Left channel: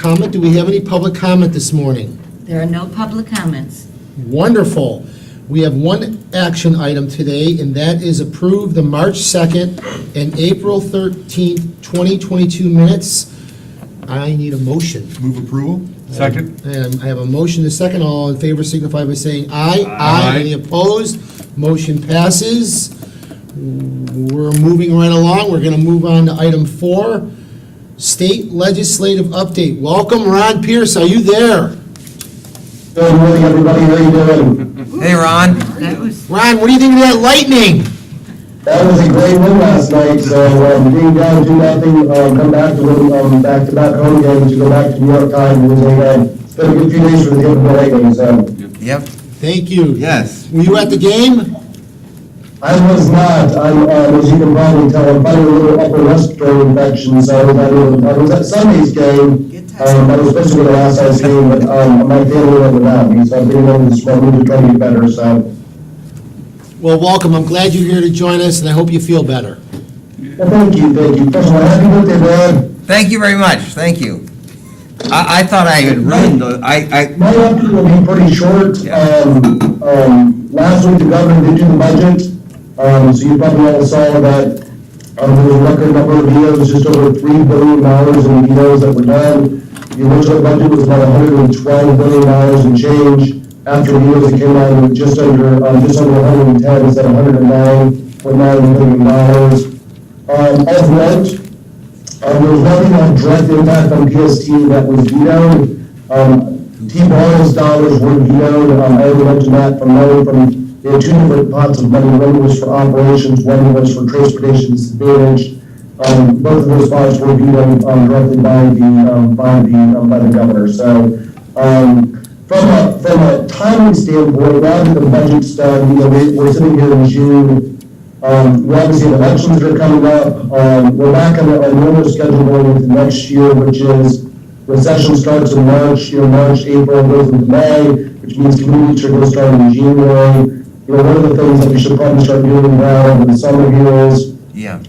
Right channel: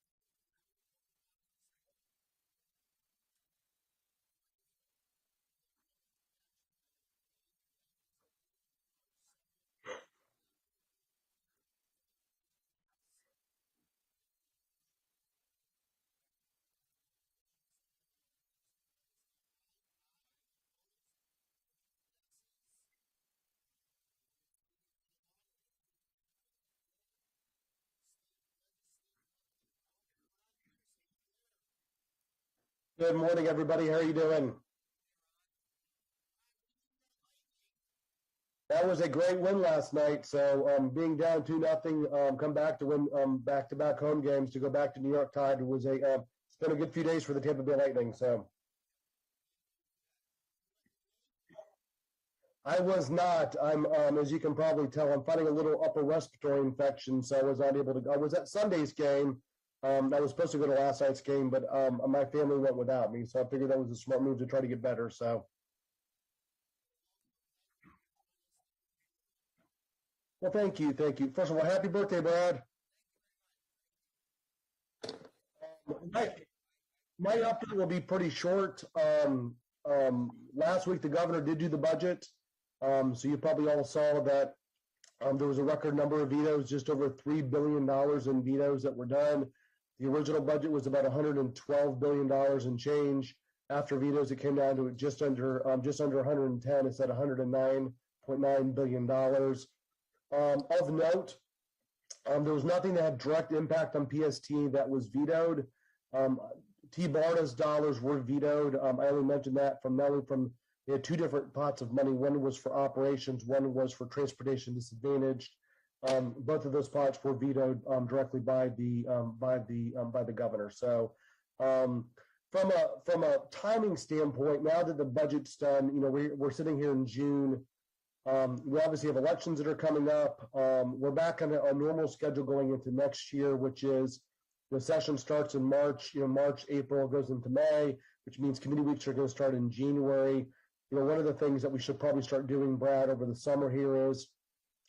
comment. Do we have any public comment this morning? There are no public comments. Wonderful. We have one action item today, and that is approve the March 2nd and April 13th, 2022 minutes. I need a motion. Move approval? Second. And I have a motion, a second. All in favor signify by saying aye. Aye. Any opposed? Motion passes. We're moving right along. We're going to move on to item 4, state legislative update. Welcome, Ron Pierce. Are you there? Good morning, everybody. How you doing? Hey, Ron. That was, Ron, what do you think of that lightning? That was a great win last night. So being down 2-0, come back to win back-to-back home games to go back to New York time. It's been a good few days for the Tampa Bay Lightning. So Yep. Thank you. Yes. Were you at the game? I was not. As you can probably tell, I'm fighting a little upper respiratory infection. So I was at Sunday's game. I was supposed to be the last night's game, but my family went without me. So I'm being able to spread me to try to get better. So. Well, welcome. I'm glad you're here to join us, and I hope you feel better. Well, thank you. First of all, happy birthday, Brad. Thank you very much. Thank you. I thought I had ruined the, My update will be pretty short. Last week, the governor did do the budget, so you probably all saw that there was a record number of vetoes, just over $3 billion in vetoes that were done. The original budget was about $112 billion in change. After vetoes, it came out with just under 110 instead of $109.9 billion. Of note, there was nothing on direct impact on PST that was vetoed. T-Ball's dollars were vetoed. I already mentioned that they had two different pots of money. One was for operations, one was for transportation disadvantage. Both of those spots were vetoed directly by the governor. So from a timing standpoint, now that the budget's done, we're sitting here in June. We obviously have elections that are coming up. We're back on a normal schedule going into next year, which is recession starts in March, March, April, goes into May, which means community should go start in January. One of the things that we should probably start doing now over the summer here is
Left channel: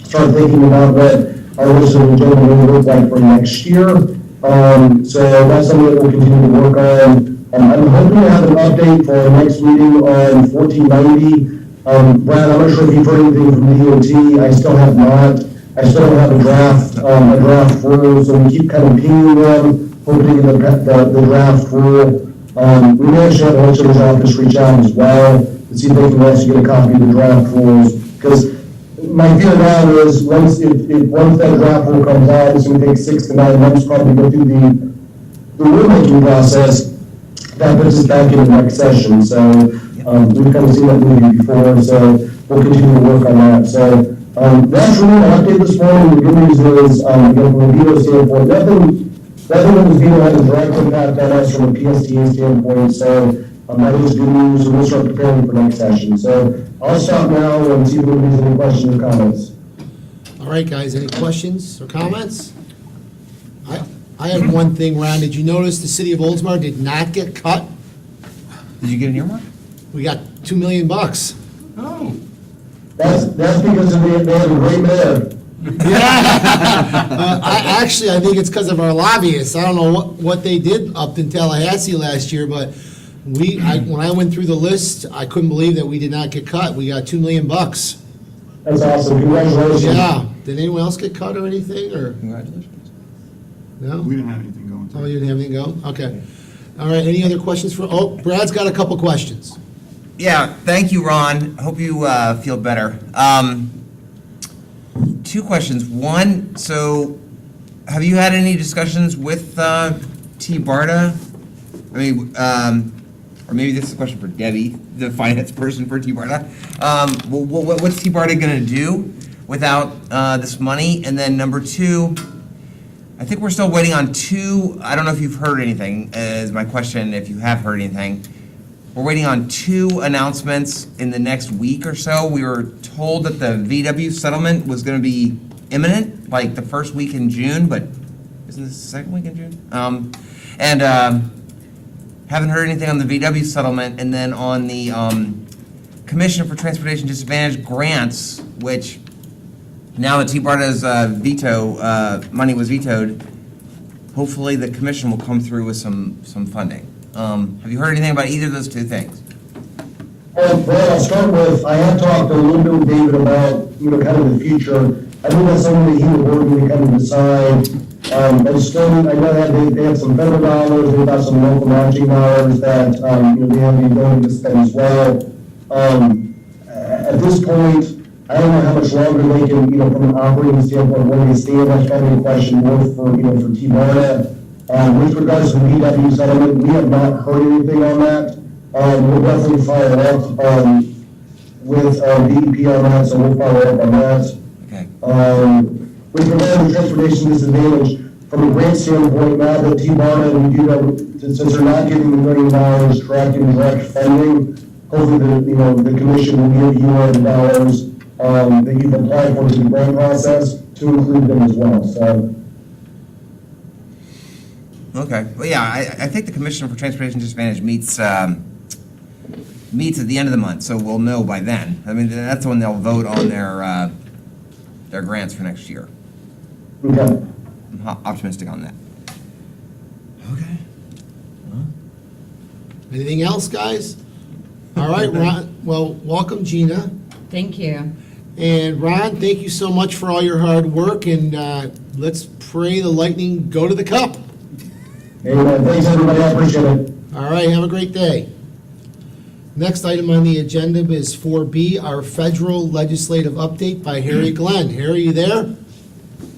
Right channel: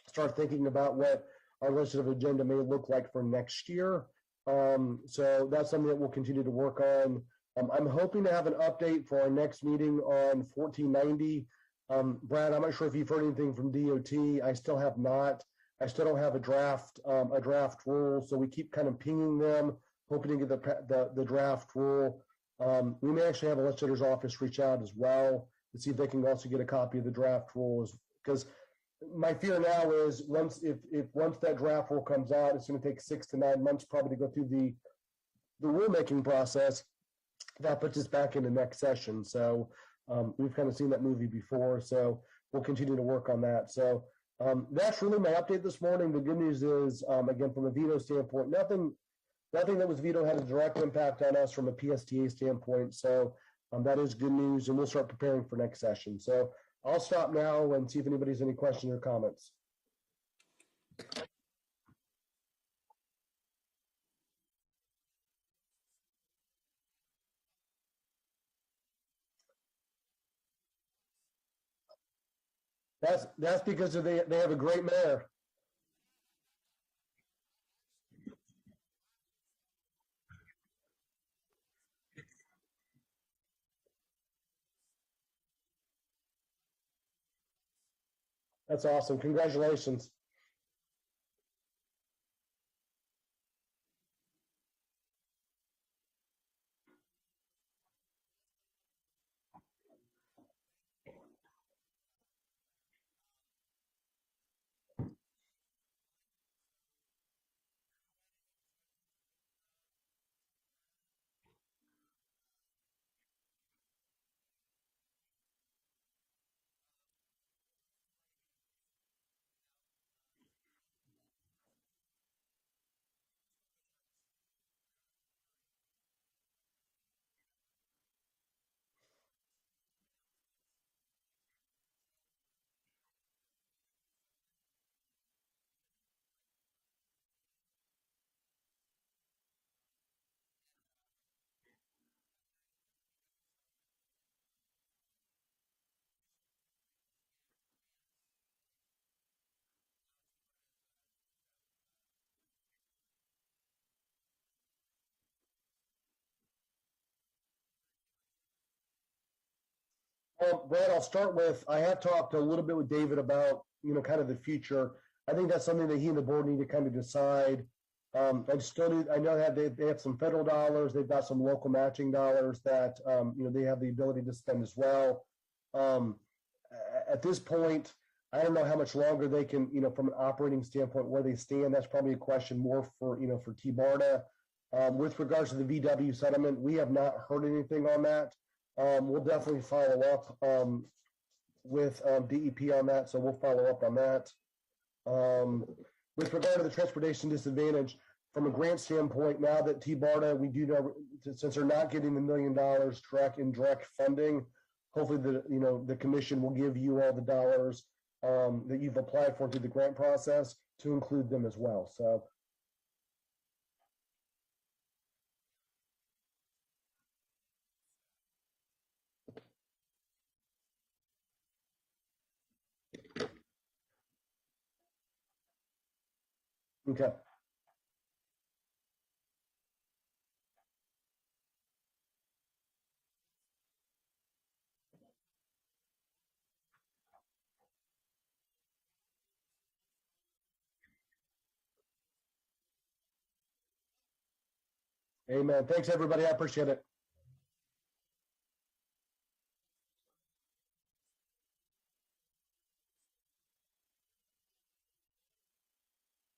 start thinking about what our legislative agenda will look like for next year. So that's something that we'll continue to work on. I'm hoping to have an update for our next meeting on 1490. Brad, I'm not sure if you've heard anything from the DOT. I still have not. I still don't have a draft rule, so we keep kind of pinging them, hoping to get the draft rule. We may actually have the legislature's office reach out as well to see if they can actually get a copy of the draft rules. Because my fear now is once that draft rule comes out, it's going to take 6 to 9 months probably to go through the rulemaking process. That puts us back in the next session. So we've kind of seen that movie before, so we'll continue to work on that. So that's really my update this morning. The good news is, again, from a veto standpoint, nothing that was veto had a direct impact on us from a PSTA standpoint. So that is good news, and we'll start preparing for next session. So I'll stop now and see if there's any questions or comments. All right, guys, any questions or comments? I had one thing, Ron. Did you notice the city of Oldsmar did not get cut? Did you get an earmark? We got $2 million. Oh. That's because they have a great mayor. Yeah. I think it's because of our lobbyists. I don't know what they did up in Tallahassee last year, but when I went through the list, I couldn't believe that we did not get cut. We got $2 million. That's awesome. Congratulations. Yeah. Did anyone else get cut or anything, or? Congratulations. No? We didn't have anything going. Oh, you didn't have anything go? Okay. All right, any other questions Brad's got a couple questions. Yeah, thank you, Ron. Hope you feel better. 2 questions. One, so have you had any discussions with T. Barta? I mean, or maybe this is a question for Debbie, the finance person for T. Barta. What's T. Barta going to do without this money? And then number 2, I think we're still waiting on 2, I don't know if you've heard anything, is my question, if you have heard anything. We're waiting on 2 announcements in the next week or so. We were told that the VW settlement was going to be imminent, like the first week in June, but isn't this the second week in June? And haven't heard anything on the VW settlement. And then on the Commission for Transportation Disadvantaged Grants, which now that T. Barta's veto money was vetoed, hopefully the commission will come through with some funding. Have you heard anything about either of those two things? Well, Brad, I'll start with, I have talked a little bit with David about, kind of the future. I think that's something that he would work with to kind of decide. But still, I know that they have some federal dollars, they've got some local matching dollars that, they have the ability to spend as well. At this point, I don't know how much longer they can, from an operating standpoint, where they stand. That's probably a question more for T-Marta. With regards to the VW settlement, we have not heard anything on that. We'll definitely follow up with DEP on that, so we'll follow up on that. Okay. With regard to the transportation disadvantage, from a grant standpoint, now that T-Marta, we do know, since they're not getting the $1 million direct and direct funding, hopefully the commission will give you all the dollars that you've applied for through the grant process to include them as well, so. Okay, well, yeah, I think the Commissioner for Transportation Disadvantage meets at the end of the month, so we'll know by then. I mean, that's when they'll vote on their grants for next year. Okay. I'm optimistic on that. Okay. Anything else, guys? All right, Ron, well, welcome, Gina. Thank you. And Ron, thank you so much for all your hard work, and let's pray the Lightning go to the Cup. Amen. Thanks, everybody. I appreciate it. All right, have a great day. Next item on the agenda is 4B, our federal legislative update by Harry Glenn. Harry, you there?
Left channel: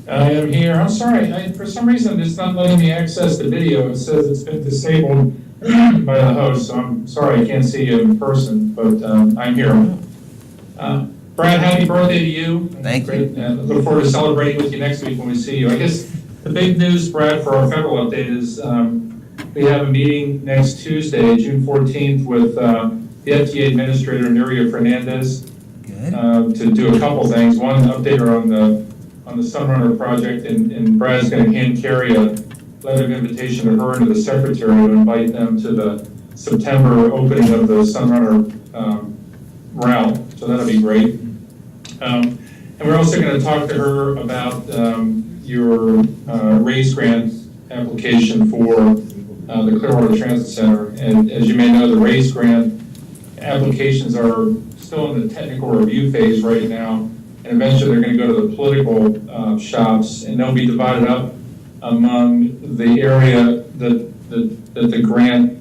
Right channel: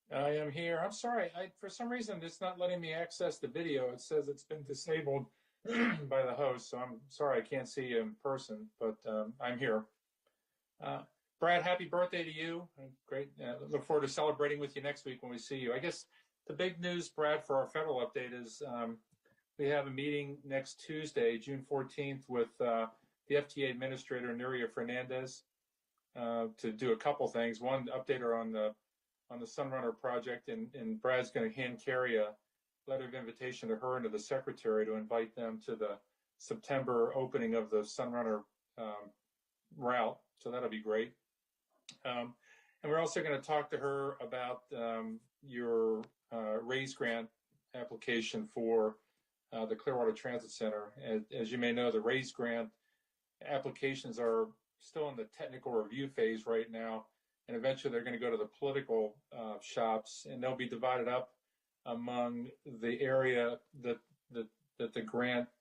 I am here. I'm sorry. For some reason, it's not letting me access the video. It says it's been disabled by the host, so I'm sorry I can't see you in person, but I'm here. Brad, happy birthday to you. Thank you. Great. Look forward to celebrating with you next week when we see you. I guess the big news, Brad, for our federal update is we have a meeting next Tuesday, June 14th, with the FDA Administrator, Nuria Fernandez, Good. to do a couple things. One, update her on the Sunrunner project, and Brad's going to hand carry a letter of invitation to her and to the secretary to invite them to the September opening of the Sunrunner route, so that'll be great. And we're also going to talk to her about your RAISE grant application for the Clearwater Transit Center. And as you may know, the RAISE grant applications are still in the technical review phase right now, and eventually they're going to go to the political shops, and they'll be divided up among the area that the grant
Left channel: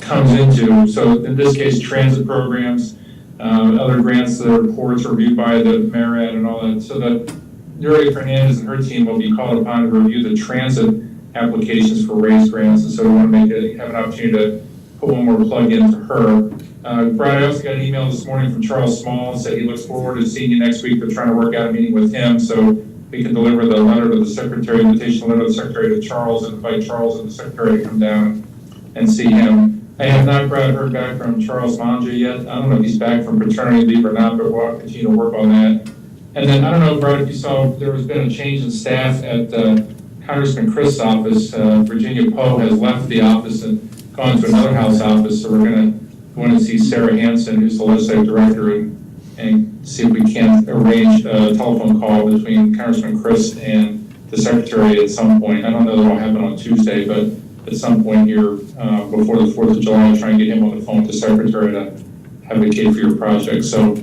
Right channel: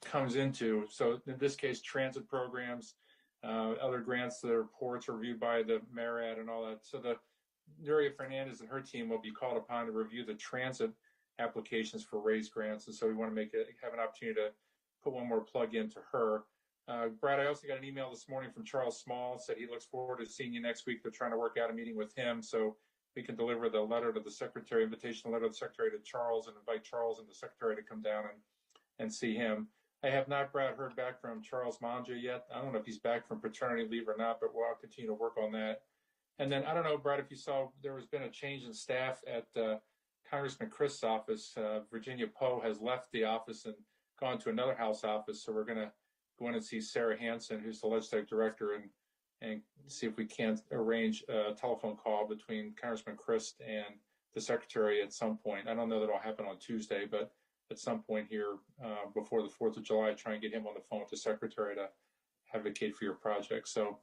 comes into. So in this case, transit programs, other grants that are ports reviewed by the MARAD and all that. So that Nuria Fernandez and her team will be called upon to review the transit applications for RAISE grants, and so we want to have an opportunity to put one more plug in for her. Brad, I also got an email this morning from Charles Small, said he looks forward to seeing you next week. They're trying to work out a meeting with him so we can deliver the letter to the secretary, invitation letter to the secretary to Charles, and invite Charles and the secretary to come down and see him. I have not, Brad, heard back from Charles Manja yet. I don't know if he's back from paternity leave or not, but we'll continue to work on that. And then, I don't know, Brad, if you saw, there has been a change in staff at Congressman Chris' office. Virginia Poe has left the office and gone to another House office, so we're going to go in and see Sarah Hansen, who's the legislative director, and see if we can't arrange a telephone call between Congressman Chris and the secretary at some point. I don't know that it'll happen on Tuesday, but at some point here before the 4th of July, I'll try and get him on the phone with the secretary to advocate for your project. So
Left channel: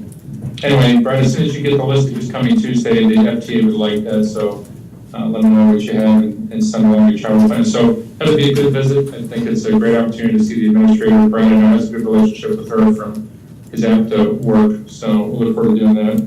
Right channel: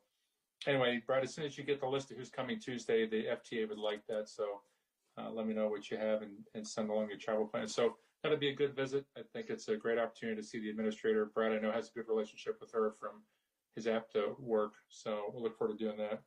anyway, Brad, as soon as you get the list of who's coming Tuesday, the FTA would like that, so let them know what you have and send along your travel plan. So that'll be a good visit. I think it's a great opportunity to see the administrator. Brad, I know, has a good relationship with her from his APTA work, so we'll look forward to doing that.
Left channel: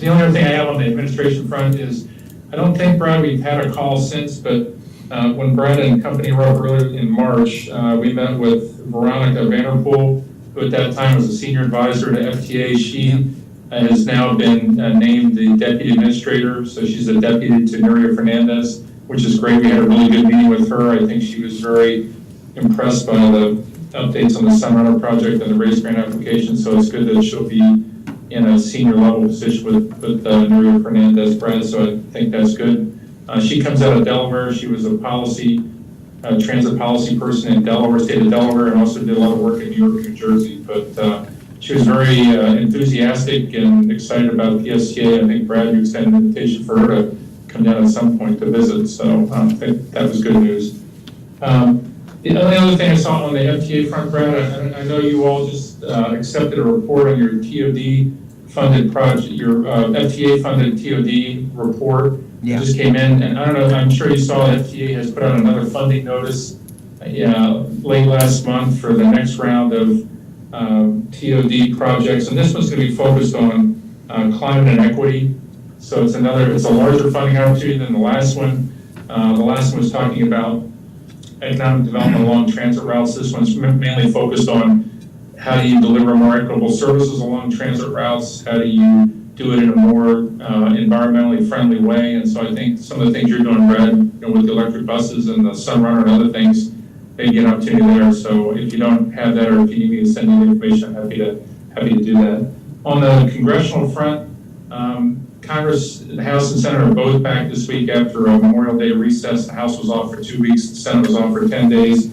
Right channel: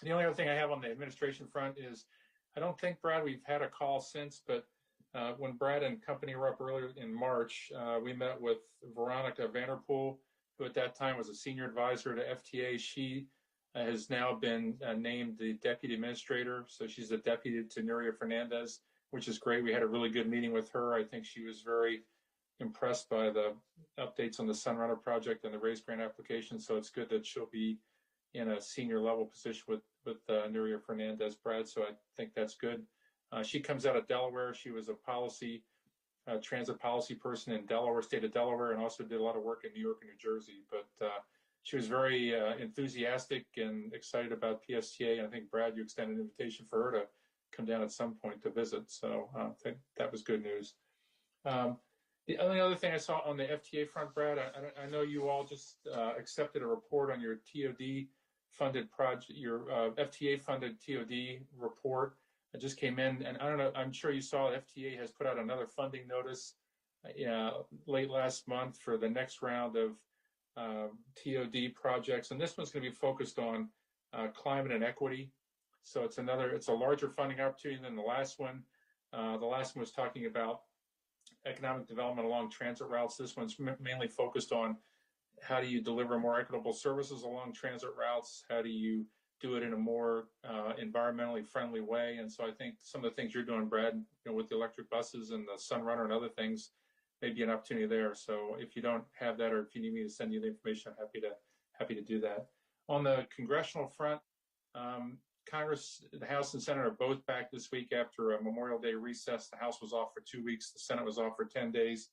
The only other thing I have on the administration front is, I don't think, Brad, we've had a call since, but when Brad and company were up earlier in March, we met with Veronica Vanderpool, who at that time was a senior advisor to FTA. She has now been named the deputy administrator, so she's a deputy to Nuria Fernandez, which is great. We had a really good meeting with her. I think she was very impressed by the updates on the Sunrunner project and the RAISE grant application, so it's good that she'll be in a senior level position with Nuria Fernandez, Brad, so I think that's good. She comes out of Delaware. She was a transit policy person in Delaware, state of Delaware, and also did a lot of work in New York and New Jersey, but she was very enthusiastic and excited about PSTA. I think, Brad, you extended an invitation for her to come come down at some point to visit, so that was good news. The only other thing I saw on the FTA front, Brad, I know you all just accepted a report on your TOD funded project, your FTA funded TOD report. Yeah. It just came in, and I don't know, I'm sure you saw FTA has put out another funding notice late last month for the next round of TOD projects, and this one's gonna be focused on climate and equity. So it's a larger funding opportunity than the last one. The last one was talking about economic development along transit routes. This one's mainly focused on how do you deliver more equitable services along transit routes? How do you do it in a more environmentally friendly way? And so I think some of the things you're doing, Brad, with the electric buses and the Sunrunner and other things, maybe an opportunity there. So if you don't have that, or if you need me to send you the information, I'm happy to do that. On the congressional front, Congress, the House and Senate are both back this week after a Memorial Day recess. The House was off for 2 weeks, the Senate was off for 10 days.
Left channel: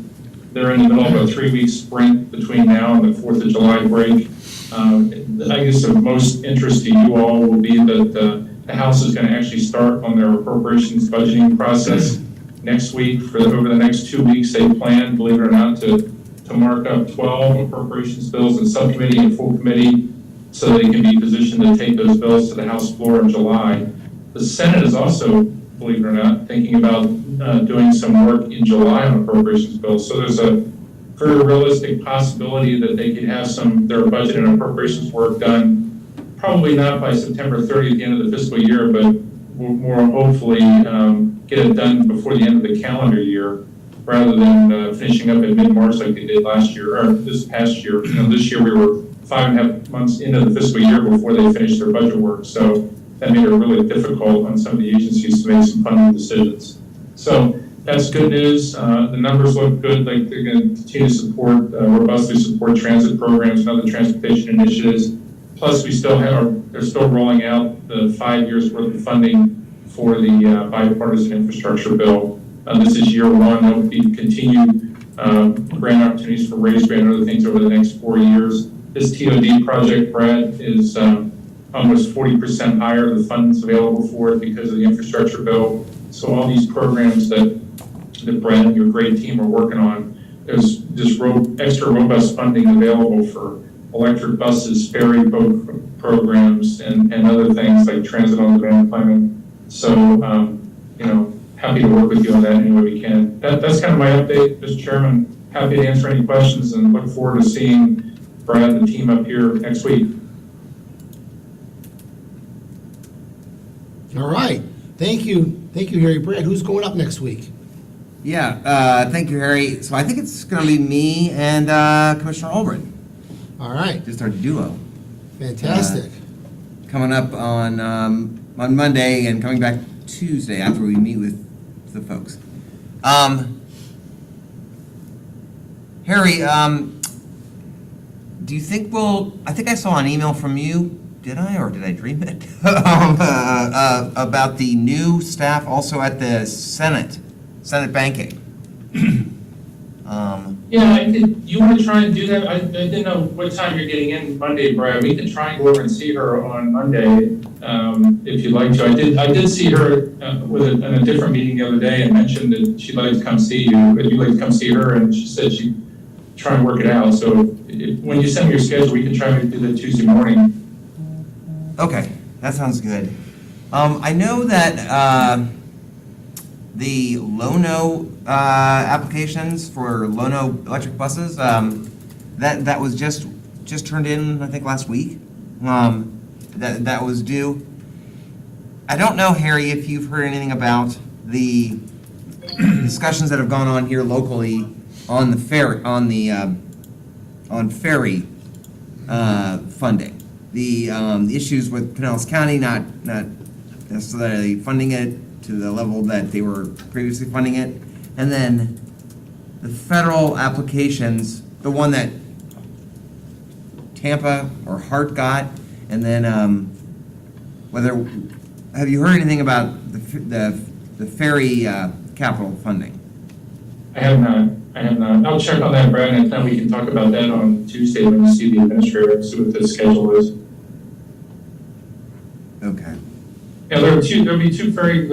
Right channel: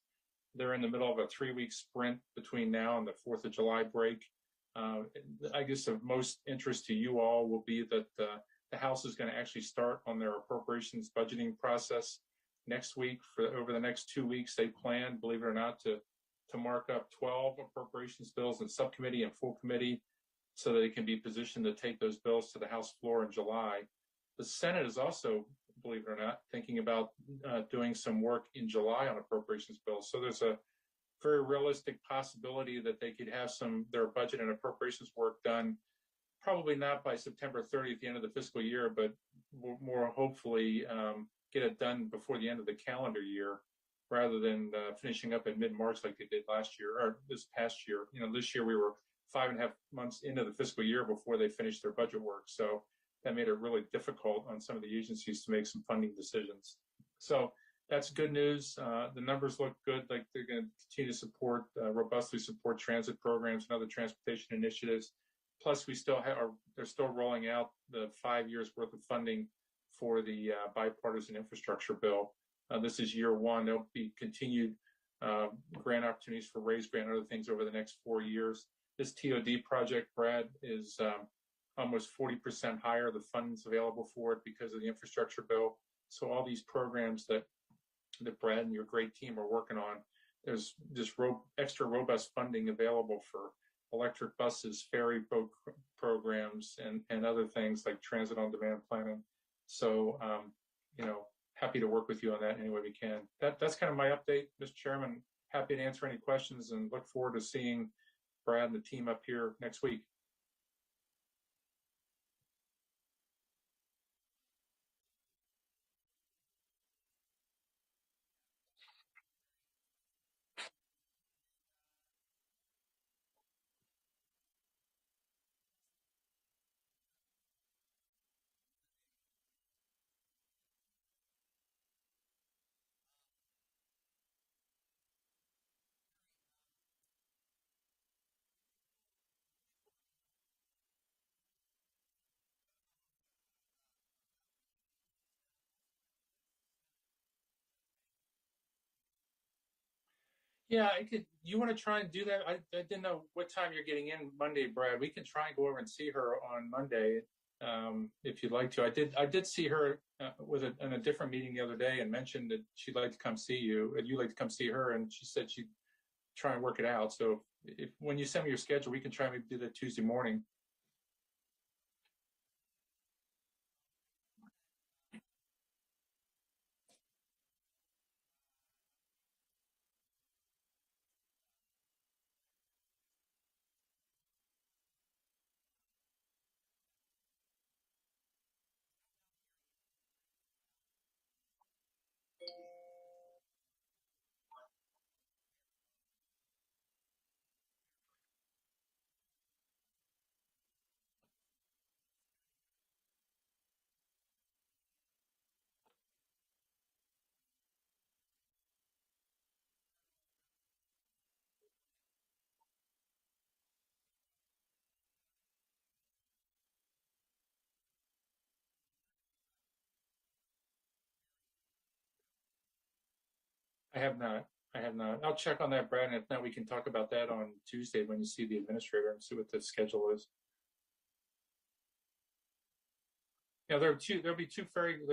They're in the middle of a 3-week sprint between now and the 4th of July break. I guess of most interest to you all will be that the House is going to actually start on their appropriations budgeting process next week. Over the next 2 weeks, they plan, believe it or not, to mark up 12 appropriations bills in subcommittee and full committee, so they can be positioned to take those bills to the House floor in July. The Senate is also, believe it or not, thinking about doing some work in July on appropriations bills. So there's a very realistic possibility that they could have their budget and appropriations work done, probably not by September 30th, the end of the fiscal year, but more hopefully get it done before the end of the calendar year, rather than finishing up in mid-March like they did last year, or this past year. This year we were 5.5 months into the fiscal year before they finished their budget work. So that made it really difficult on some of the agencies to make some funding decisions. So that's good news. The numbers look good. Like they're going to continue to support, robustly support transit programs and other transportation initiatives. Plus, they're still rolling out the 5 years worth of funding for the bipartisan infrastructure bill. This is year one. There will be continued grant opportunities for raise grant and other things over the next 4 years. This TOD project, Brad, is almost 40% higher, the funds available for it because of the infrastructure bill. So all these programs that Brad and your great team are working on, there's just extra robust funding available for electric buses, ferry boat programs, and other things like transit on demand planning. So, happy to work with you on that any way we can. That's kind of my update, Mr. Chairman. Happy to answer any questions and look forward to seeing Brad and the team up here next week. All right. Thank you, Harry. Brad, who's going up next week? Yeah, thank you, Harry. So I think it's going to be me and Commissioner Albrecht, All right. just our duo. Fantastic. Coming up on Monday and coming back Tuesday after we meet with the folks. Harry, do you think I think I saw an email from you, did I, or did I dream it? About the new staff also at the Senate banking. Yeah, you want to try and do that? I didn't know what time you're getting in Monday, Brad. We can try and go over and see her on Monday, if you'd like to. I did see her in a different meeting the other day and mentioned that she'd like to come see you. Would you like to come see her? And she said she'd try and work it out. So when you send me your schedule, we can try and do the Tuesday morning. Okay, that sounds good. I know that the Lono applications for Lono electric buses, that was just turned in, I think, last week. That was due. I don't know, Harry, if you've heard anything about the discussions that have gone on here locally on the ferry, on ferry funding. The issues with Pinellas County not necessarily funding it to the level that they were previously funding it, and then the federal applications, the one that Tampa or Hart got, and then have you heard anything about the ferry capital funding? I have not. I'll check on that, Brad, and then we can talk about that on Tuesday when we see the administrator, see what the schedule is. Okay. Yeah, there'll be two ferry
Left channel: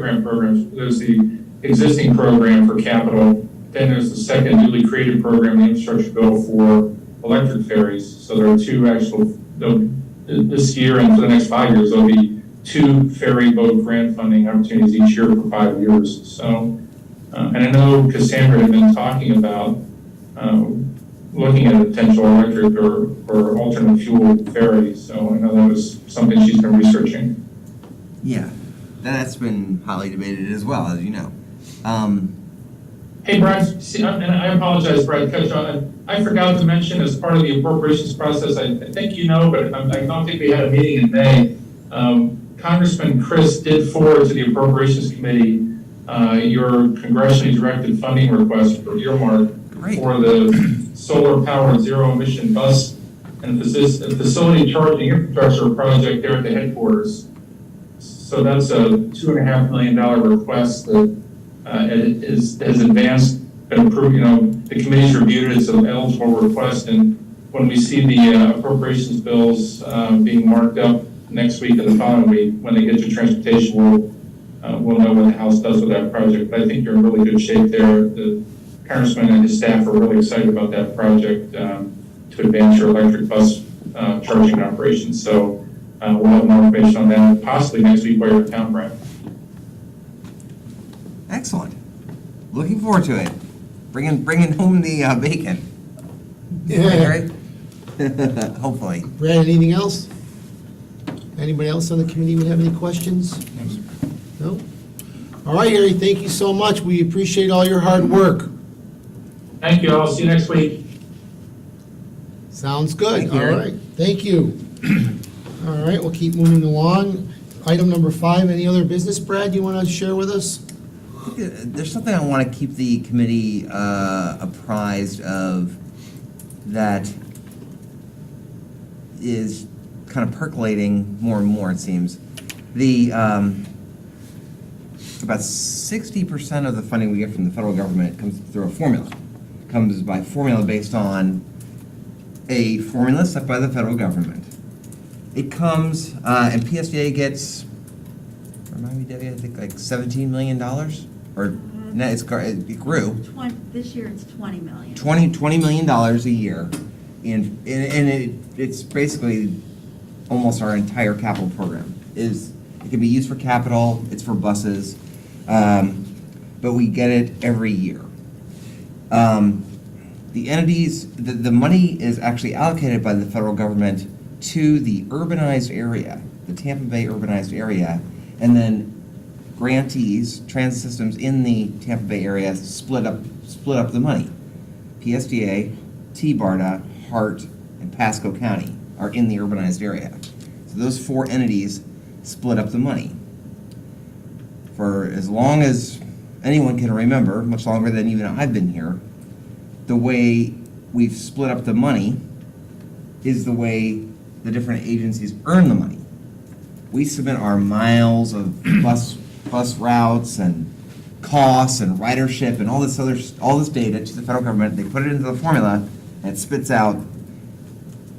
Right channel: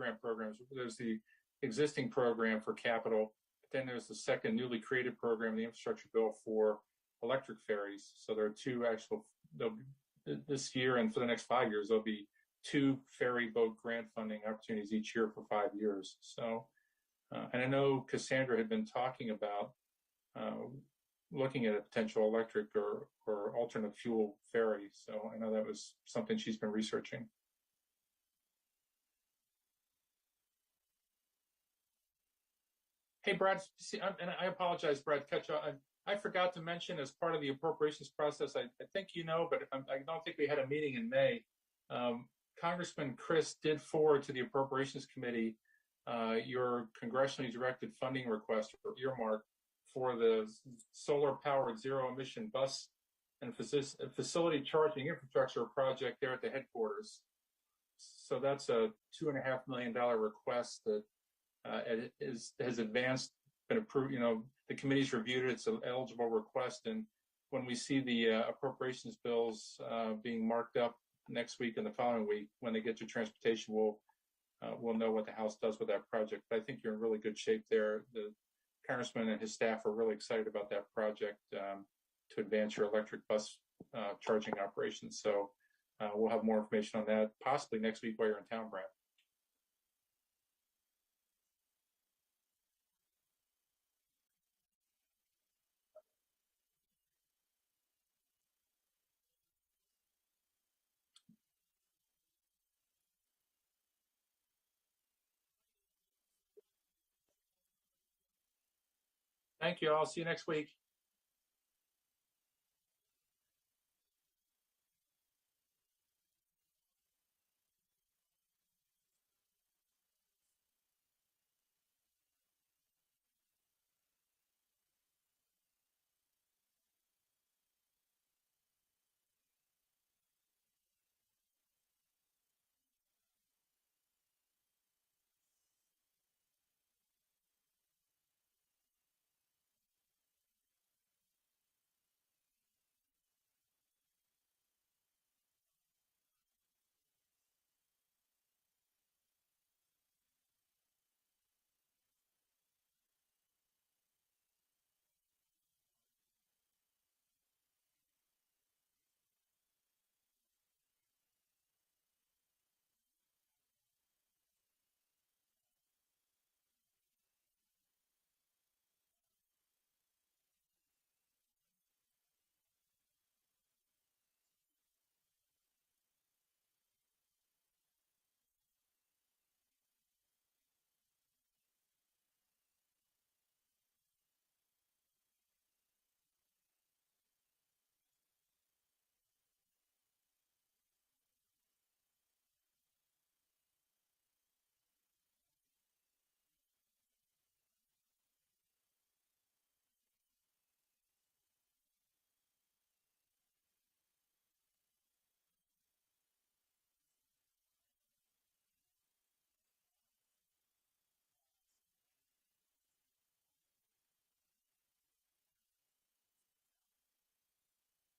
grant programs. There's the existing program for capital, then there's the second newly created program, the infrastructure bill for electric ferries. So there are two this year and for the next 5 years, there'll be two ferry boat grant funding opportunities each year for 5 years. So, and I know Cassandra had been talking about looking at a potential electric or alternate fuel ferry. So I know that was something she's been researching. Yeah, that's been hotly debated as well, as you know. Hey, Brad, and I apologize, Brad, cut you off. I forgot to mention as part of the appropriations process, I think you know, but I don't think we had a meeting in May. Congressman Chris did forward to the Appropriations Committee your congressionally directed funding request for earmark Great. for the solar-powered zero-emission bus and facility charging infrastructure project there at the headquarters. So that's a $2.5 million request that has advanced, been approved. The committee's reviewed it, it's an eligible request, and when we see the appropriations bills being marked up next week and the following week, when they get to transportation, we'll know what the House does with that project. But I think you're in really good shape there. The Congressman and his staff are really excited about that project to advance your electric bus charging operations. So we'll have more information on that possibly next week while you're in town, Brad. Excellent. Looking forward to it. Bringing home the bacon. Yeah. Right? Hopefully. Brad, anything else? Anybody else on the committee would have any questions? No? All right, Harry, thank you so much. We appreciate all your hard work. Thank you. I'll see you next week. Sounds good. Thank you, All Harry. right, thank you. All right, we'll keep moving along. Item number 5, any other business, Brad, you want to share with us? There's something I want to keep the committee apprised of that is kind of percolating more and more, it seems. About 60% of the funding we get from the federal government comes through a formula. Comes by formula based on a formula set by the federal government. It comes, and PSDA gets, remind me, Debbie, I think like $17 million? Or, no, it grew. This year it's 20 million. $20 million a year. And it's basically almost our entire capital program. It can be used for capital, it's for buses, but we get it every year. The entities, the money is actually allocated by the federal government to the urbanized area, the Tampa Bay urbanized area, and then grantees, transit systems in the Tampa Bay area split up the money. PSDA, T-BARDA, Hart, and Pasco County are in the urbanized area. So those 4 entities split up the money. For as long as anyone can remember, much longer than even I've been here, the way we've split up the money is the way the different agencies earn the money. We submit our miles of bus routes and costs and ridership and all this data to the federal government. They put it into the formula and it spits out.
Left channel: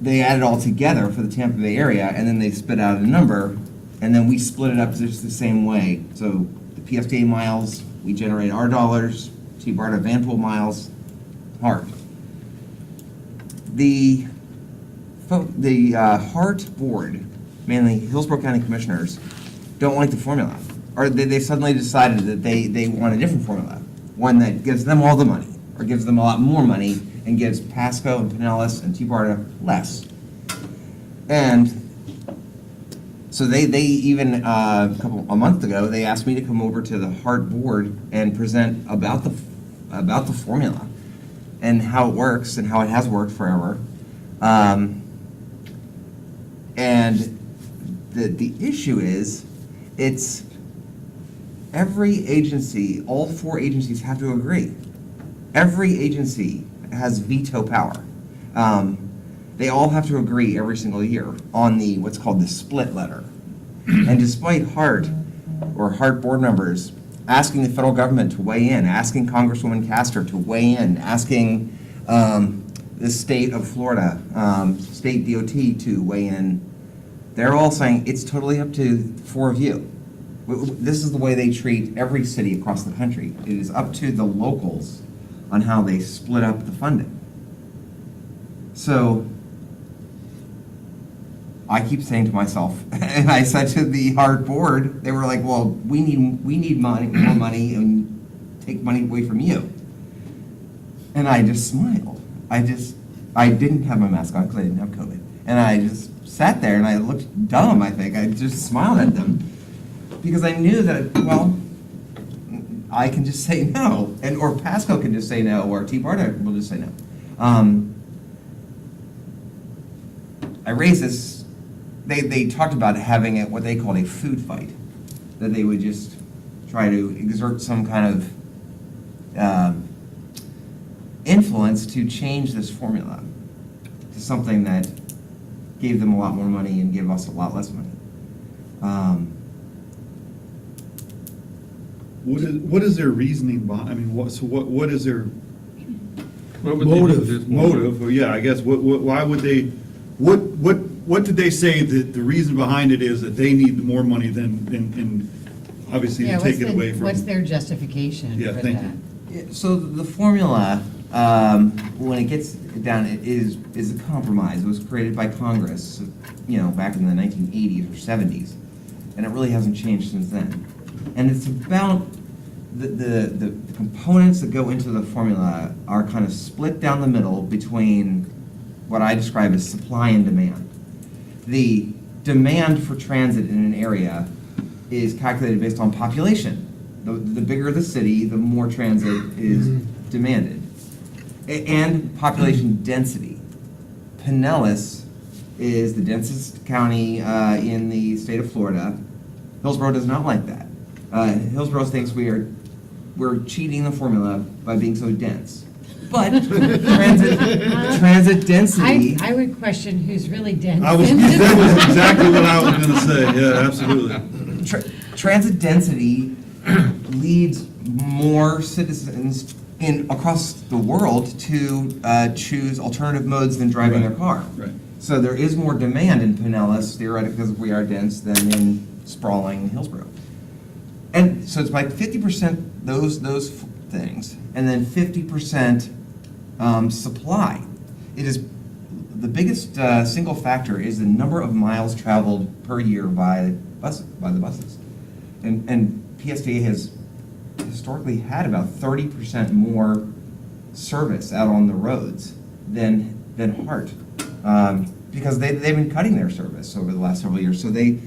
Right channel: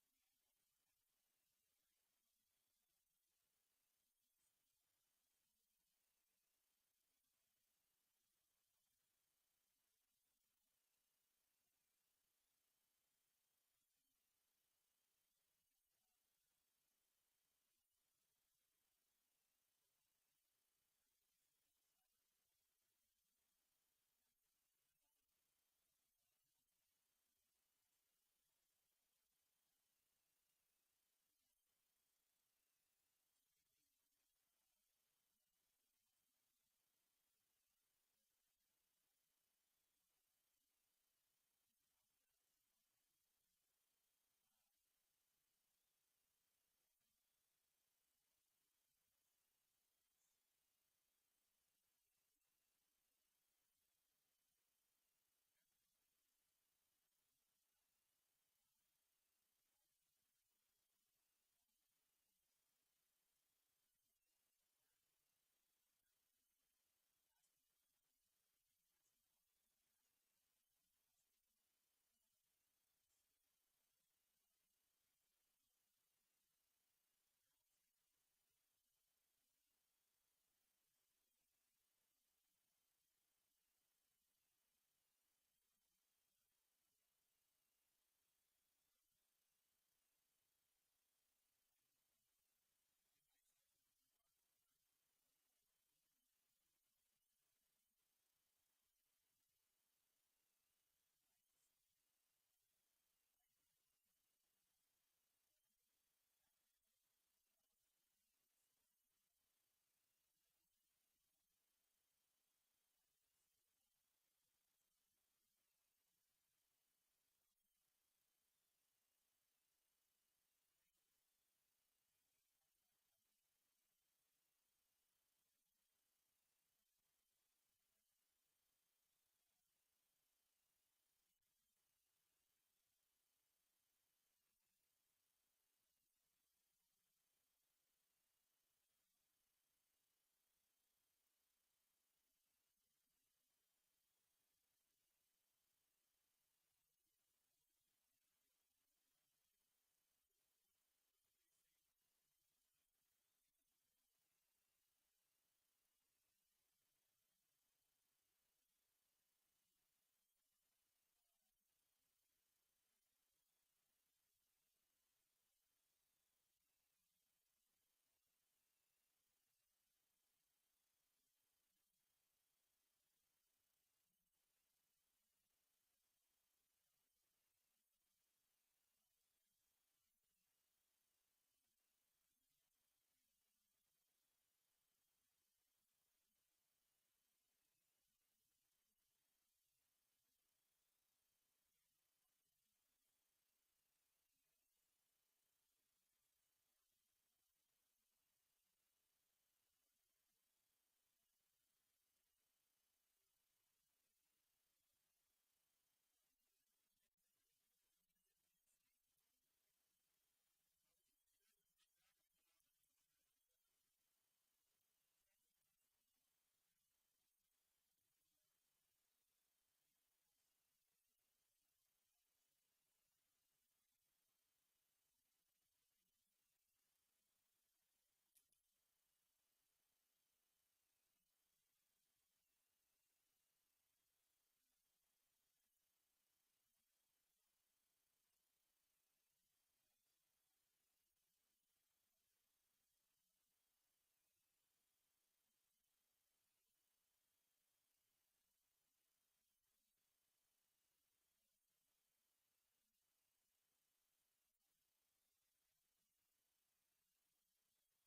They add it all together for the Tampa Bay area, and then they spit out a number, and then we split it up just the same way. So the PSDA miles, we generate our dollars, T-BARDA Vanpool miles, Hart. The Hart board, mainly Hillsborough County Commissioners, don't like the formula. Or they suddenly decided that they want a different formula, one that gives them all the money, or gives them a lot more money, and gives Pasco and Pinellas and T-BARDA less. And so they even, a month ago, they asked me to come over to the Hart board and present about the formula and how it works and how it has worked forever. And the issue is, it's every agency, all 4 agencies have to agree. Every agency has veto power. They all have to agree every single year on what's called the split letter. And despite Hart board members asking the federal government to weigh in, asking Congresswoman Castor to weigh in, asking the state of Florida, state DOT to weigh in, they're all saying it's totally up to the four of you. This is the way they treat every city across the country. It is up to the locals on how they split up the funding. So I keep saying to myself, and I said to the hard board, they were like, well, we need money, more money, and take money away from you. And I just smiled. I didn't have my mask on because I didn't have COVID. And I just sat there and I looked dumb, I think. I just smiled at them because I knew that, well, I can just say no. Or Pasco can just say no, or T. Barta will just say no. I raised this, they talked about having what they called a food fight, that they would just try to exert some kind of influence to change this formula to something that gave them a lot more money and gave us a lot less money. What is their reasoning behind, I mean, what is their What would they do Motive. this more? motive? Or yeah, I guess, why would they, what did they say that the reason behind it is that they need more money than, and obviously Yeah, to take it away from? what's their justification Yeah, for thank that? you. Yeah, so the formula, when it gets down, it is a compromise. It was created by Congress, back in the 1980s or 70s, and it really hasn't changed since then. And it's about the components that go into the formula are kind of split down the middle between what I describe as supply and demand. The demand for transit in an area is calculated based on population. The bigger the city, the more transit is demanded. And population density. Pinellas is the densest county in the state of Florida. Hillsborough does not like that. Hillsborough thinks we're cheating the formula by being so dense. But transit density. I would question who's really dense. That was exactly what I was gonna say, yeah, absolutely. Transit density leads more citizens across the world to choose alternative modes than driving their car. Right. So there is more demand in Pinellas, theoretically, because we are dense, than in sprawling Hillsborough. And so it's like 50% those things, and then 50% supply. It is the biggest single factor is the number of miles traveled per year by the buses, and PSTA has historically had about 30% more service out on the roads than Hart, because they've been cutting their service over the last several years. So they.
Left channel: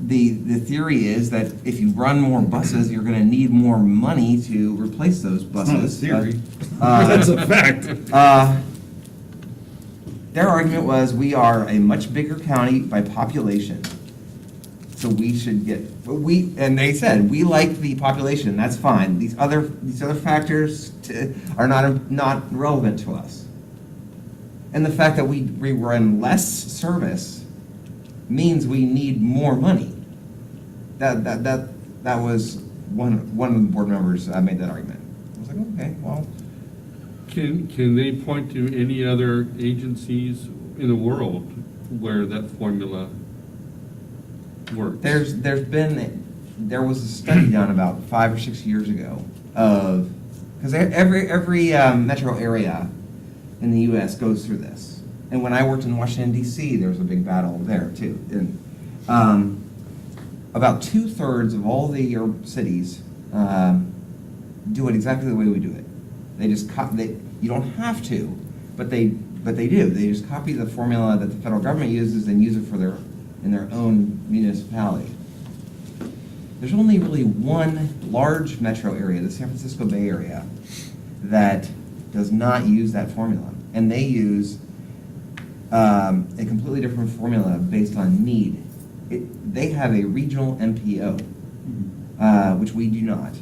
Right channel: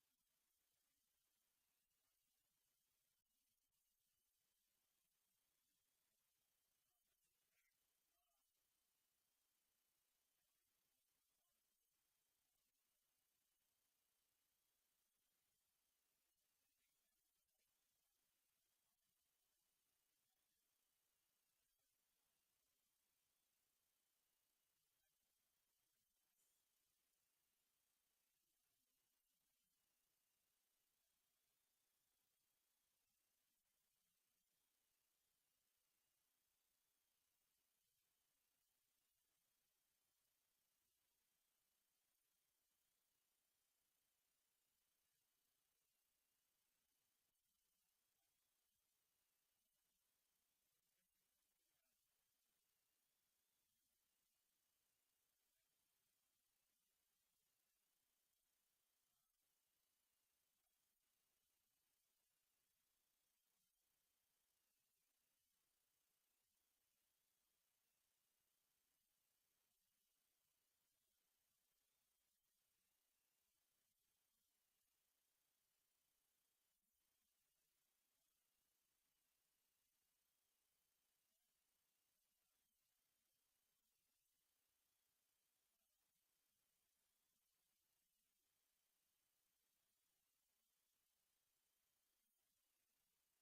The theory is that if you run more buses, you're gonna need more money to replace those buses. It's not a theory. Uh, That's a fact. Their argument was, we are a much bigger county by population, so we should get, and they said, we like the population, that's fine. These other factors are not relevant to us. And the fact that we run less service means we need more money. That was one of the board members made that argument. I was like, okay, well. Can they point to any other agencies in the world where that formula works? There was a study done about 5 or 6 years ago of, because every metro area in the U.S. goes through this. And when I worked in Washington, D.C., there was a big battle there, too. And about 2/3 of all the cities do it exactly the way we do it. They just you don't have to, but they do. They just copy the formula that the federal government uses and use it in their own municipality. There's only really one large metro area, the San Francisco Bay Area, that does not use that formula. And they use a completely different formula based on need. They have a regional MPO, which we do not.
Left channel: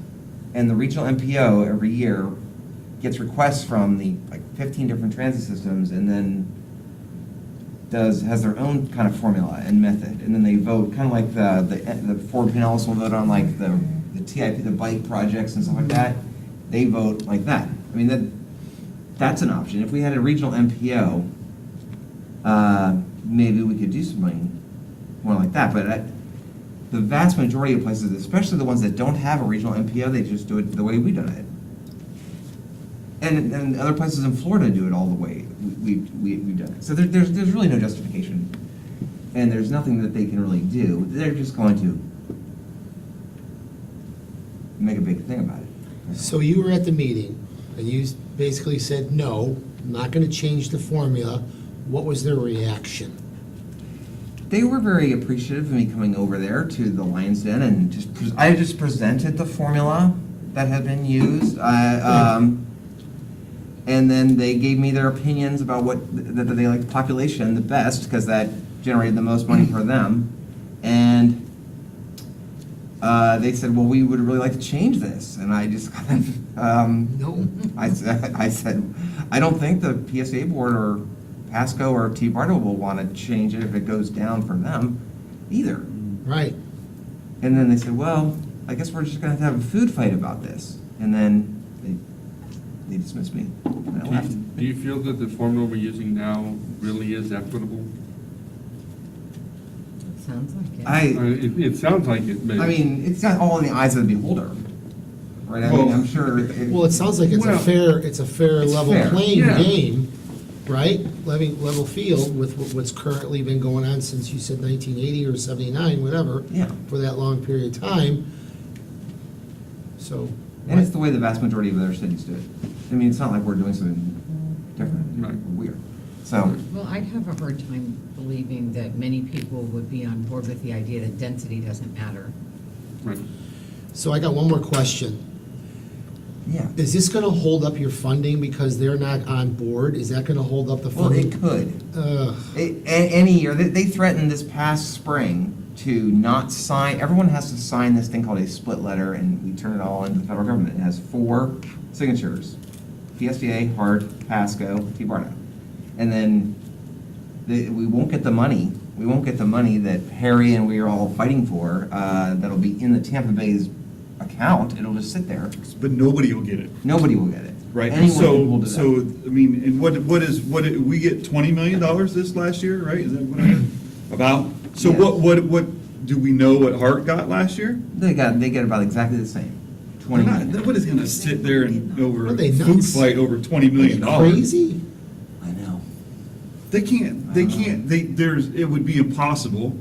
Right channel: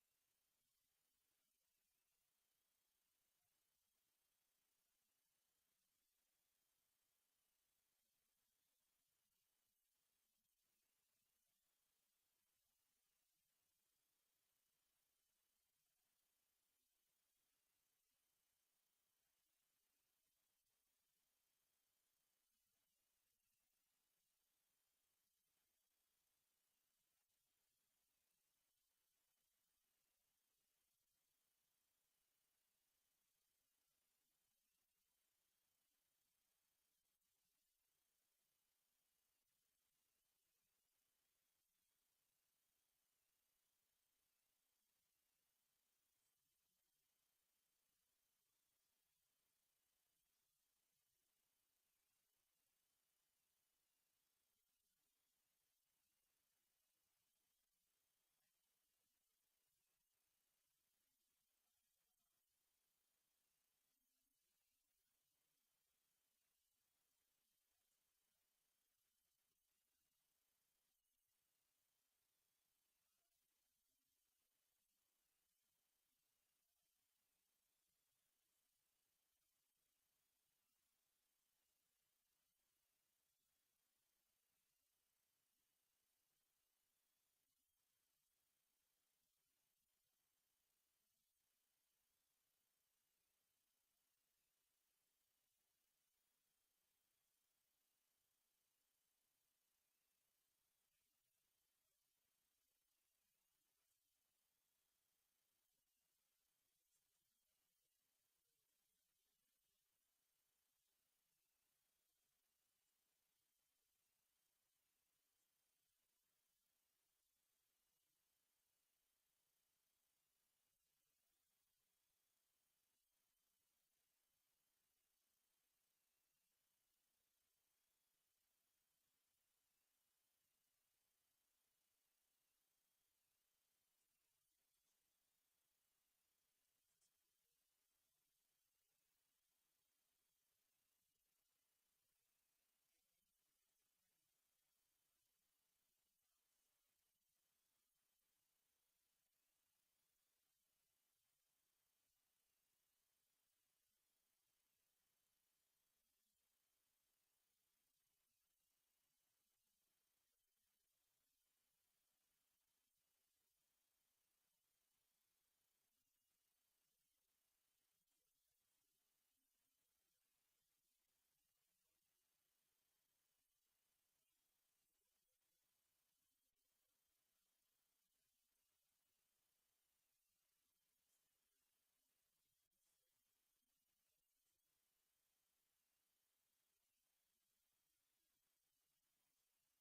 And the regional MPO every year gets requests from the 15 different transit systems, and then has their own kind of formula and method, and then they vote kind of like the Ford Pinellas will vote on like the TIP, the bike projects and stuff like that. They vote like that. I mean that's an option. If we had a regional MPO, maybe we could do something more like that, but the vast majority of places, especially the ones that don't have a regional MPO, they just do it the way we've done it. And other places in Florida do it all the way we've done it. So there's really no justification, and there's nothing that they can really do. They're just going to make a big thing about it. So you were at the meeting, and you basically said, no, I'm not gonna change the formula. What was their reaction? They were very appreciative of me coming over there to the Lions Den and I just presented the formula that had been used. And then they gave me their opinions about that they liked the population the best because that generated the most money for them. And they said, well, we would really like to change this. And I just kind of, No. I said, I don't think the PSA board or Pasco or T-Bartle will want to change it if it goes down for them either. Right. And then they said, well, I guess we're just going to have a food fight about this. And then they dismissed me. And I left. Do you feel that the formula we're using now really is equitable? Sounds like it. It sounds like it, but. I mean, it's not all in the eyes of the beholder, right? I mean, I'm sure. Well, it sounds like it's a Well, fair it's level fair, playing yeah. game, right? Level field with what's currently been going on since you said 1980 or 79, whatever. Yeah. For that long period of time. So. And it's the way the vast majority of other cities do it. I mean, it's not like we're doing something different Right. or weird. So, Well, I'd have a hard time believing that many people would be on board with the idea that density doesn't matter. Right. So I got one more question. yeah. Is this gonna hold up your funding because they're not on board? Is that gonna hold up the Well, funding? it could. Ugh. Any year, they threatened this past spring to not sign, everyone has to sign this thing called a split letter, and we turn it all into the federal government. It has 4 signatures: PSDA, HART, Pasco, T-Barna. And then we won't get the money. We won't get the money that Harry and we are all fighting for, that'll be in the Tampa Bay's account. It'll just sit there. But nobody will get it. Nobody will get it. Right, Anyone will do that. so, I mean, and we get $20 million this last year, right? Is that what I heard? About? So Yeah. what, do we know what Hart got last year? They get about exactly the same. 20 They're not- million. Nobody's gonna sit there and over Are a they food nuts? fight over $20 million. Crazy? I know. They can't, it would be impossible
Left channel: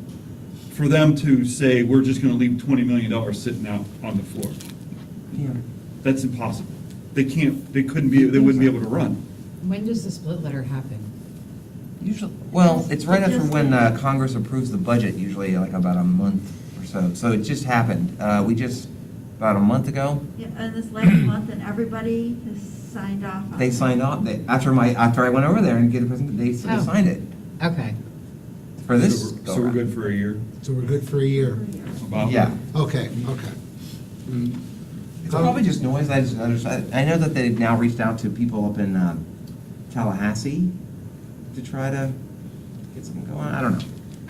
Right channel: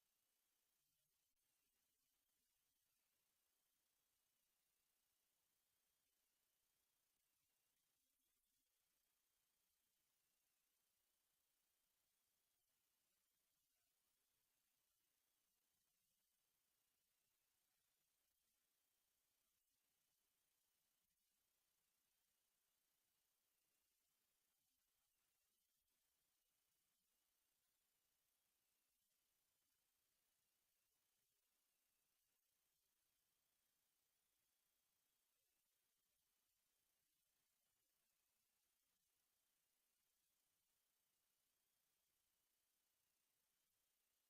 for them to say, we're just gonna leave $20 million sitting out on the floor. Yeah. That's impossible. They wouldn't be able to run. When does the split letter happen? Usually, well, it's right after Just- when Congress approves the budget, usually like about a month or so. So it just happened. About a month ago, Yeah, and this last month, and everybody has signed off on they it. signed off. After I went over there and get a present, they Oh. signed it Okay. for this. So go we're around. good for a year. So we're good for a year? About. Yeah. Okay. It's probably just noise. I know that they've now reached out to people up in Tallahassee to try to get something going. I don't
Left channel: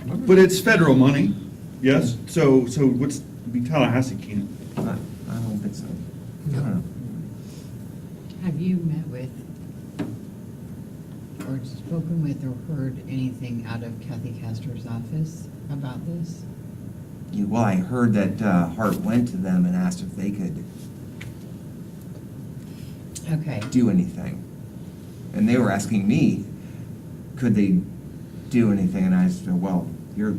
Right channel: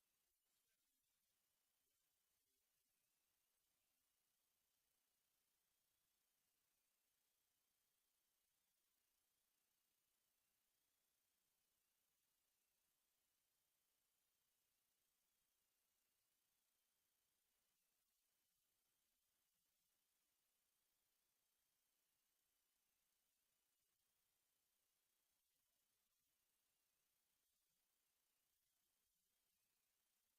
know. But it's federal money, yes? So Tallahassee can't. I don't think so. I don't know. Have you met with, or spoken with, or heard anything out of Kathy Castor's office about this? Yeah, well, I heard that Hart went to them and asked if they could Okay. do anything. And they were asking me, could they do anything? And I said, well, you're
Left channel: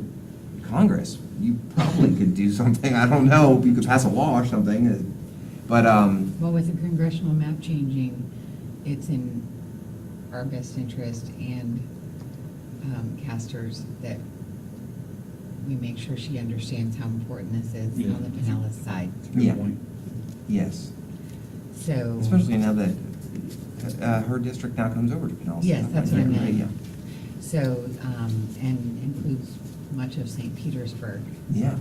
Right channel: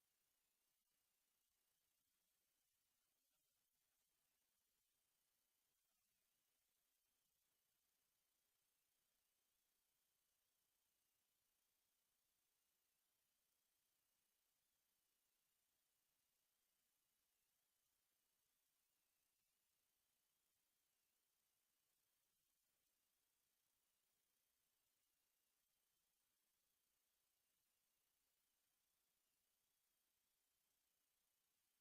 Congress. You probably could do something. I don't know. You could pass a law or something. But, Well, with the congressional map changing, it's in our best interest and Castor's that we make sure she understands how important this is Yeah. on the Pinellas side. Good Yeah. point. yes, So. especially now that her district now comes over to Pinellas. Yes, that's what I Yeah, meant. yeah. So, and includes much of St. Petersburg. Yeah.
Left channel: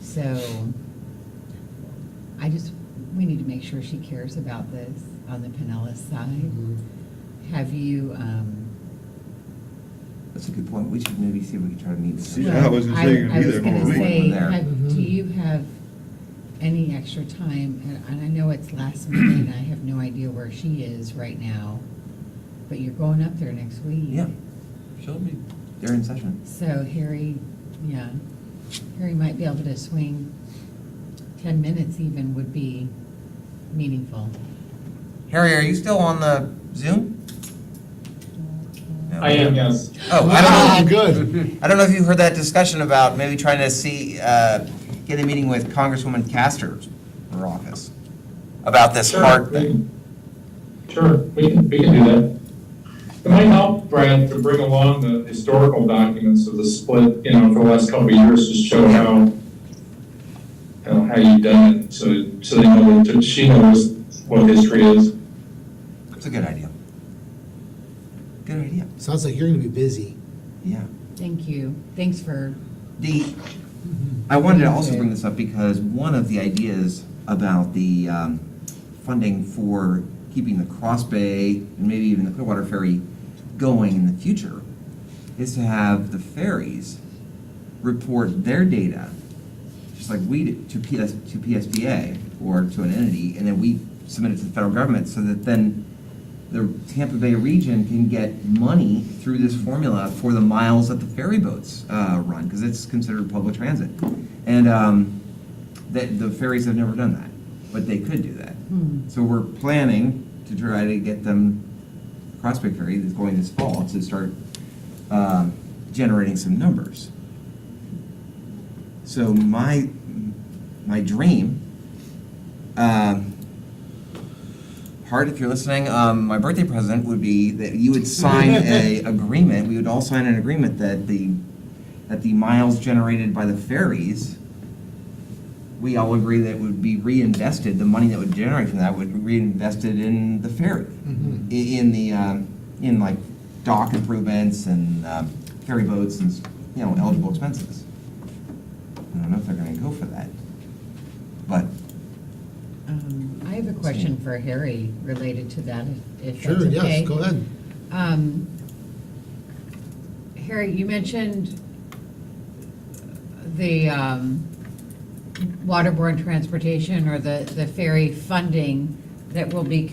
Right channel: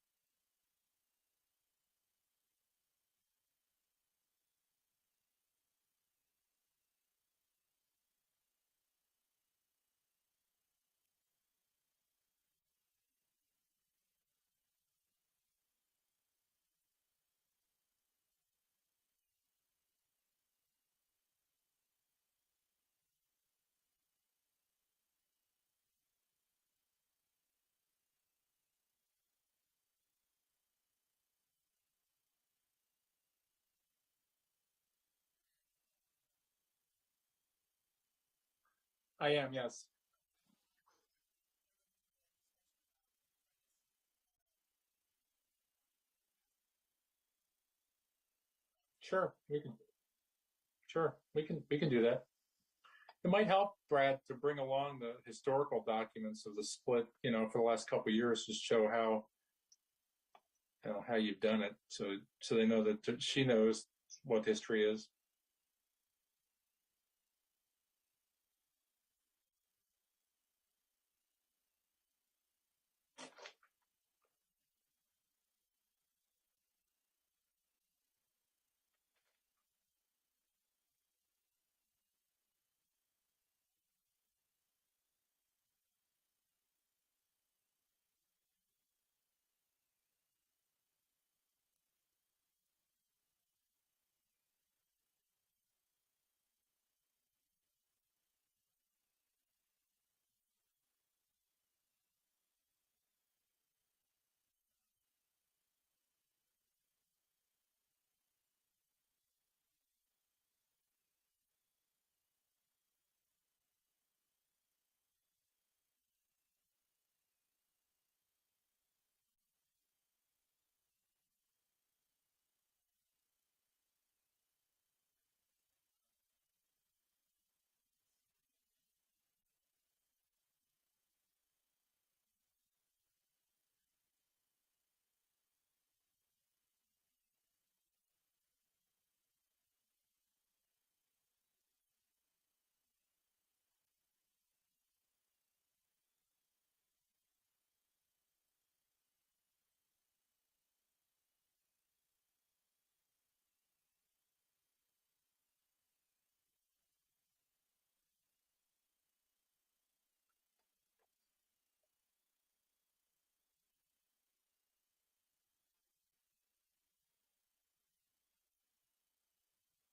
So, we need to make sure she cares about this on the Pinellas side. Mm-hmm. Have you, That's a good point. We should maybe see if we can try to meet with See, them. yeah, I was gonna say you're gonna be there I was more gonna than me. say, There. do you have any extra time? And I know it's last minute, and I have no idea where she is right now, but you're going up there next week. Yeah. She'll be they're in session. So Harry, yeah, Harry might be able to swing 10 minutes even would be meaningful. Harry, are you still on the Zoom? No. I am, yes. Oh, I don't know. Ah, good. I don't know if you heard that discussion about maybe trying to see, get a meeting with Congresswoman Castor for office about this Sure, heart we thing. can- Sure, we can do that. It might help, Brad, to bring along the historical documents of the split, you know, for the last couple of years, to show how you've done it, so they know, that she knows what history is. It's a good idea. Good idea, Sounds like you're gonna be busy. yeah. Thank you. Thanks for, I wanted to also bring this up because one of the ideas about the funding for keeping the Cross Bay and maybe even the Clearwater Ferry going in the future is to have the ferries report their data, just like we do, to PSBA or to an entity, and then we submit it to the federal government so that then the Tampa Bay region can get money through this formula for the miles that the ferry boats run, because it's considered public transit. And that the ferries have never done that, but they could do that. So we're planning to try to get them, Cross Bay Ferry that's going this fall, to start generating some numbers. So my dream, Hart, if you're listening, my birthday present would be that you would sign a agreement, we would all sign an agreement that the miles generated by the ferries, we all agree that would be reinvested, the money that would generate from that would be reinvested in the ferry. In like dock improvements and ferry boats and, you know, eligible expenses. I don't know if they're gonna go for that, but I have a question for Harry related to that, if Sure, that's okay. yes, go ahead. Harry, you mentioned the waterborne transportation or the ferry funding that will be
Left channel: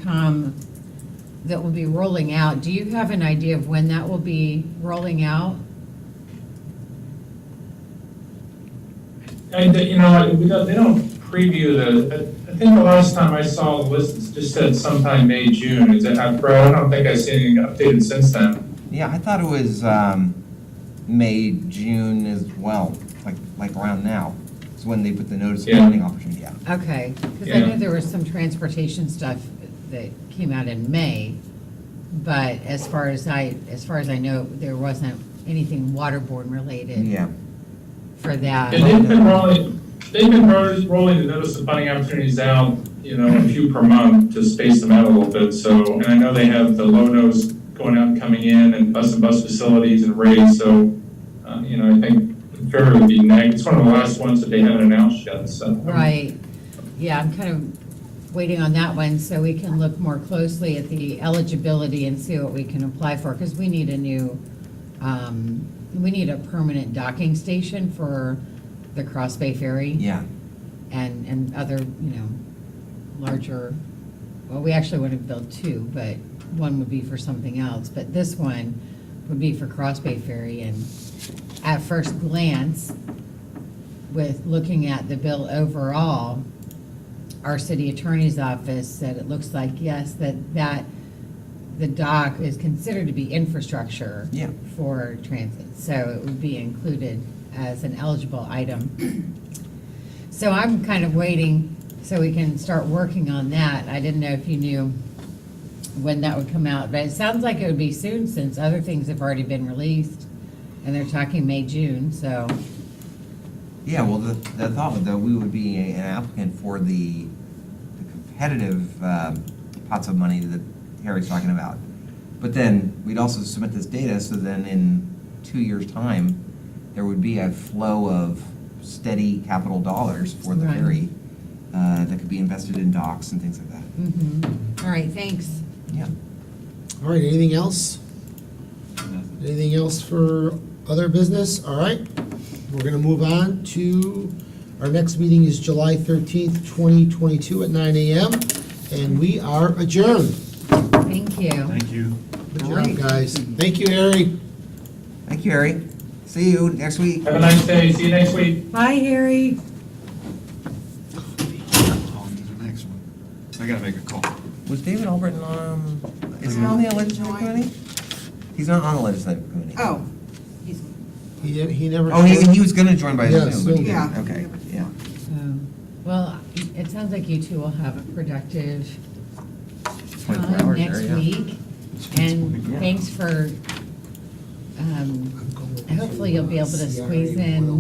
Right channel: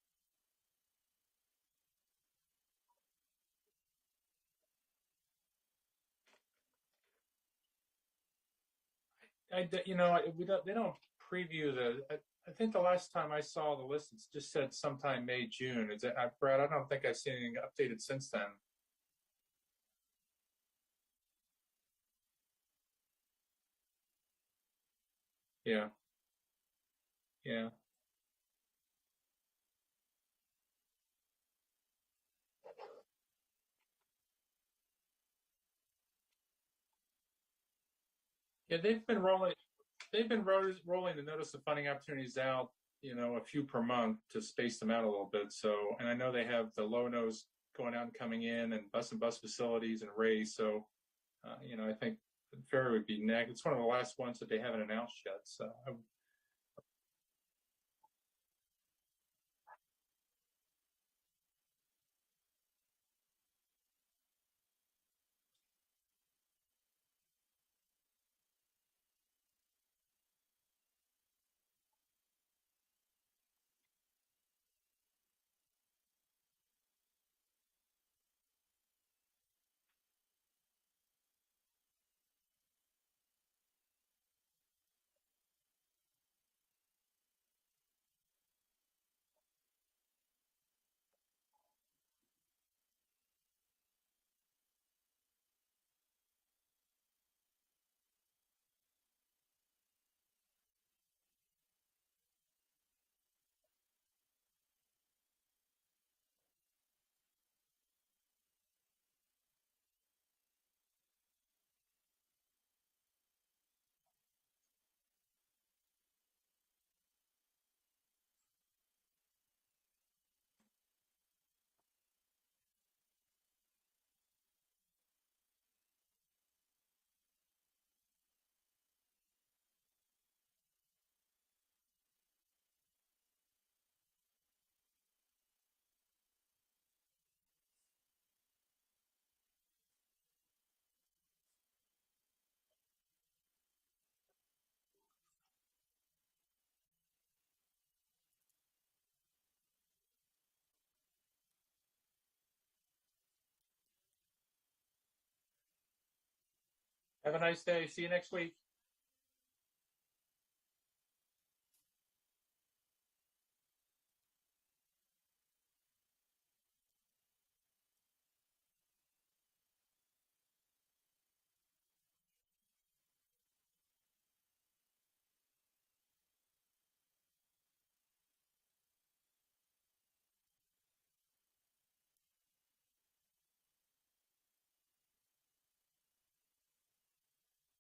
rolling out. Do you have an idea of when that will be rolling out? And, you know, they don't preview I think the last time I saw the list, it just said sometime May, June. Is it, Brad? I don't think I've seen anything updated since then. yeah, I thought it was May, June as well, like around now. It's when they put the notice of Yeah. funding opportunity out. Okay, because I Yeah. know there was some transportation stuff that came out in May, but as far as I know, there wasn't anything waterborne related Yeah, for that. And they've been rolling the notice of funding opportunities out, you know, a few per month to space them out a little bit, so, and I know they have the low-nose going out and coming in, and bus facilities and raise, so, you know, I think the ferry would be next, it's one of the last ones that they haven't announced yet, so. Right, yeah, I'm kind of waiting on that one, so we can look more closely at the eligibility and see what we can apply for, because we need we need a permanent docking station for the Cross Bay Ferry. yeah. And other, you know, larger, well, we actually would have built two, but one would be for something else, but this one would be for Cross Bay Ferry, and at first glance, with looking at the bill overall, our city attorney's office said it looks like, yes, that the dock is considered to be infrastructure Yeah. for transit, so it would be included as an eligible item. So I'm kind of waiting so we can start working on that. I didn't know if you knew when that would come out, but it sounds like it would be soon since other things have already been released, and they're talking May, June, so. Yeah, well, the thought was that we would be an applicant for the competitive pots of money that Harry's talking about. But then we'd also submit this data, so then in 2 years' time, there would be a flow of steady capital dollars for the Right. ferry that could be invested in docks and things like that. All right, thanks. Yeah. All right, anything else? Anything else for other business? All right, we're gonna move on to, our next meeting is July 13th, 2022 at 9 AM, and we are adjourned. Thank you. Thank you. Good All job, right. guys. Thank you, Harry. Thank you, Harry. See you next week. Have a nice day, see you next week. Bye, Harry. On to the next one. I gotta make a call. Was David Albritton on, is he on the legislative committee? He's not on the legislative committee. Oh, He never. Oh, he was gonna join by Yeah, Zoom, but he Zoom. didn't. Yeah. Okay, yeah. Well, it sounds like you two will have a productive 24 time hours next there, yeah. week. And Yeah. thanks for, hopefully you'll be able to squeeze in